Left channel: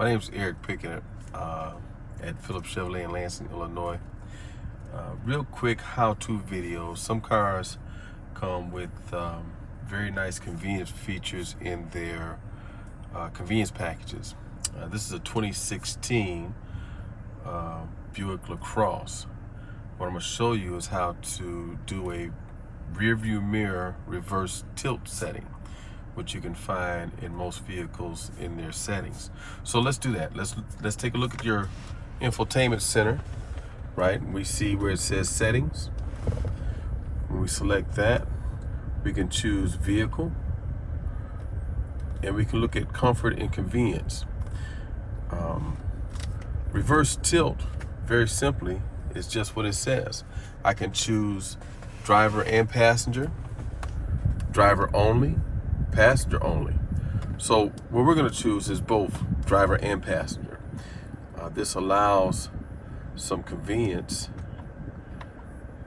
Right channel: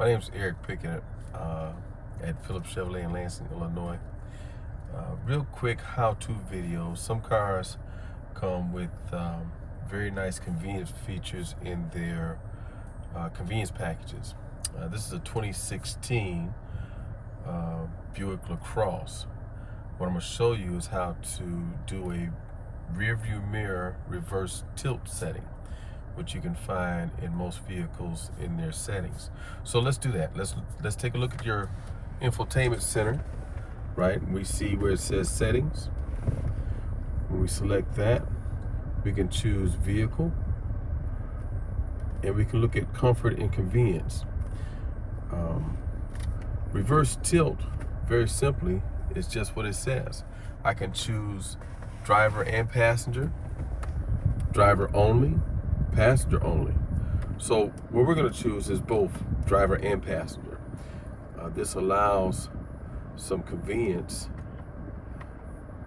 My name is Eric Pickett at Phillips Chevrolet in Lansing, Illinois. Real quick how-to video. Some cars come with very nice convenience features in their convenience packages. This is a 2016 Buick Lacrosse. What I'm going to show you is how to do a rear view mirror reverse tilt setting, which you can find in most vehicles in their settings. So let's do that. Let's take a look at your Infotainment Center, right? We see where it says settings. When we select that, we can choose vehicle, and we can look at comfort and convenience. Reverse tilt, very simply, is just what it says. I can choose driver and passenger, driver only, passenger only. So what we're going to choose is both driver and passenger. This allows some convenience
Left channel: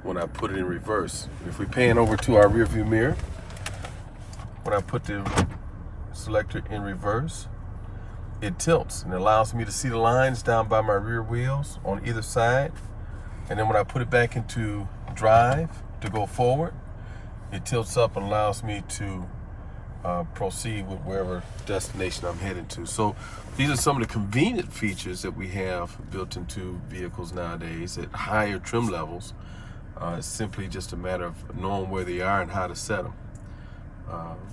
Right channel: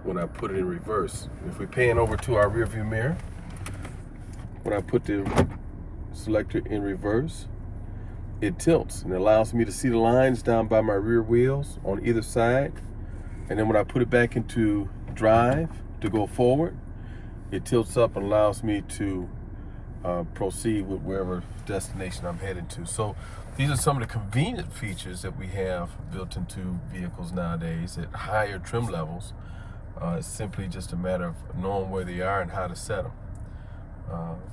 when I put it in reverse. If we pan over to our rear view mirror, when I put the selector in reverse, it tilts and allows me to see the lines down by my rear wheels on either side. And then when I put it back into drive to go forward, it tilts up and allows me to proceed with wherever destination I'm heading to. So these are some of the convenient features that we have built into vehicles nowadays at higher trim levels. It's simply just a matter of knowing where they are and how to set them.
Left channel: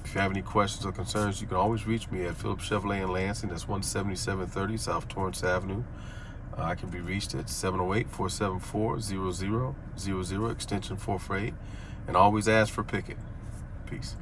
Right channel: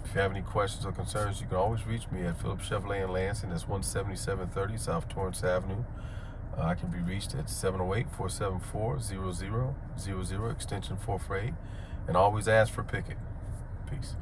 If you have any questions or concerns, you can always reach me at Phillips Chevrolet in Lansing. That's 17730 South Torrence Avenue. I can be reached at 708-474-0000, extension 448, and always ask for Pickett. Peace.